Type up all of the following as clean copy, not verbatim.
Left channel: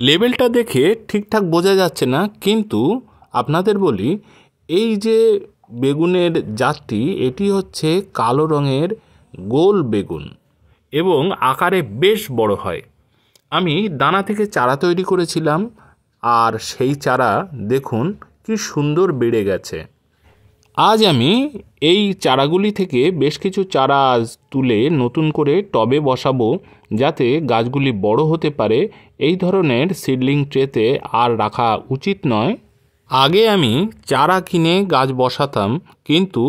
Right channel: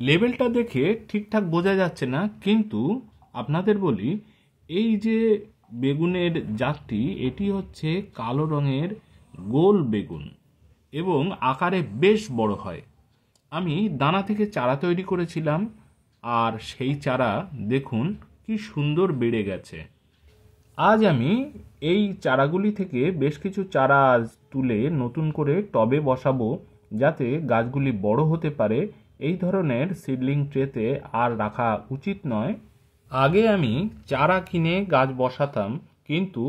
লেবেলটা দেখে ঠিকঠাক বোঝা যাচ্ছে না, কিন্তু আপনাদের বলি, এই যে বেগুনের জাতটি, এটি হচ্ছে কালো রঙের গোল বেগুন এবং আকারে বেশ বড় হয়। আমি দানা থেকে চারা তৈরি করেছিলাম, আর সেই চারা দেখুন কি সুন্দর বেড়ে গেছে। আজ আমি এই চারাগুলি থেকে বেশ কিছু চারা আজ তুলে নতুন করে টবে বসাবো, যাতে গাছগুলি বড় হতে পারে। এই ধরনের সিডলিং ট্রেতে আর রাখা উচিত নয়। আগে আমি চারা কিনে গাছ বসাতাম, কিন্তু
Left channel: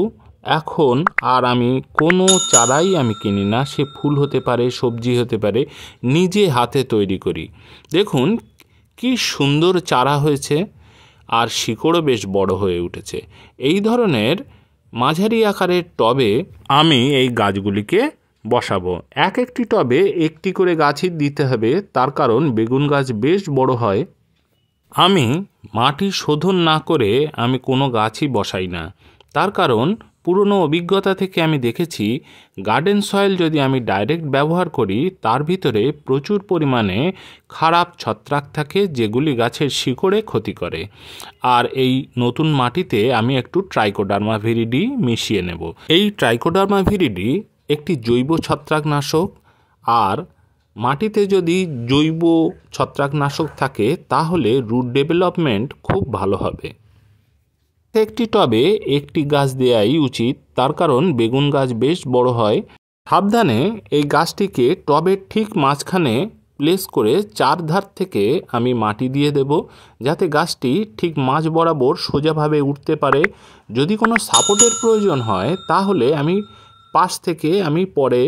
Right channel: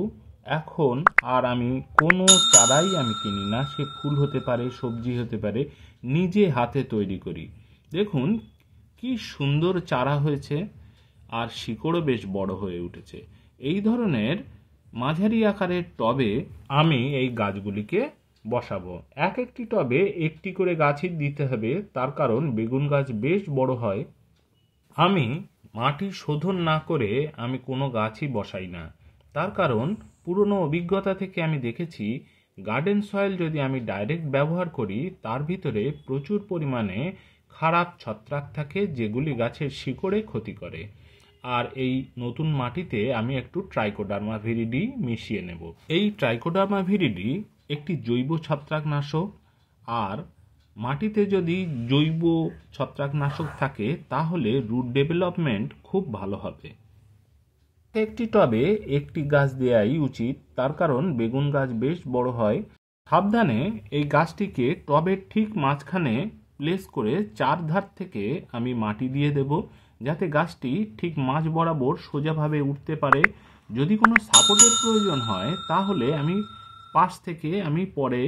এখন আর আমি কোনো চারাই আমি কিনি না। সে ফুল হতে পারে, সবজি হতে পারে, নিজে হাতে তৈরি করি। দেখুন কি সুন্দর চারা হয়েছে, আর শিকড়ও বেশ বড় হয়ে উঠেছে। এই ধরনের মাঝারি আকারের টবে আমি এই গাছগুলিকে বসাবো। এক একটি টবে একটি করে গাছই দিতে হবে, তার কারণ বেগুন গাছ বেশ বড় হয়। আমি মাটি শোধন না করে আমি কোনো গাছই বসাই না, তার কারণ পুরনো অভিজ্ঞতা থেকে আমি দেখেছি গার্ডেন সয়েল যদি আমি ডাইরেক্ট ব্যবহার করি, তার ভিতরে প্রচুর পরিমাণে খারাপ ছত্রাক থাকে, যেগুলি গাছের শিকড়ে ক্ষতি করে। আর এই নতুন মাটিতে আমি একটু ট্রাইকোডার্মা ভিরিডি মিশিয়ে নেব। এই ট্রাইকোডার্মা ভিরিডি একটি জৈব ছত্রাকনাশক, আর মাটিতে যদি জৈব ছত্রাকনাশক থাকে তাহলে রুট ডেভেলপমেন্ট খুব ভালো হবে। একটি টবে একটি গাছ দেওয়াই উচিত, তার কারণ বেগুন গাছ বেশ বড় হয়। সাবধানে এই গাছটিকে টবের ঠিক মাঝখানে প্লেস করে চারধার থেকে আমি মাটি দিয়ে দেব, যাতে গাছটি ঠিক মাঝ বরাবর সোজাভাবে উঠতে পারে। যদি কোনো সাপোর্টের প্রয়োজন হয় তাহলে আমি পাশ থেকে আমি পরে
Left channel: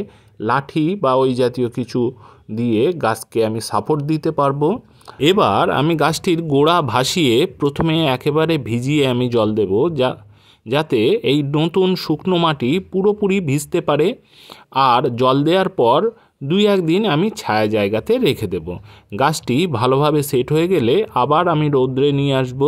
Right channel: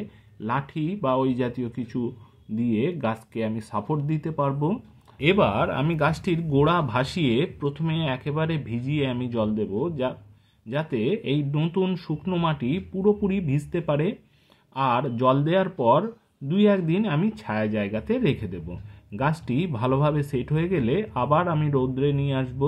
লাঠি বা ওই জাতীয় কিছু দিয়ে গাছকে আমি সাপোর্ট দিতে পারবো। এবার আমি গাছটির গোড়া ভাসিয়ে প্রথমে একেবারে ভিজিয়ে আমি জল দেব, যাতে এই নতুন শুকনো মাটি পুরোপুরি ভিজতে পারে। আর জল দেওয়ার পর 2-1 দিন আমি ছায়া জায়গাতে রেখে দেব। গাছটি ভালোভাবে সেট হয়ে গেলে আবার আমি রৌদ্রে নিয়ে আসব।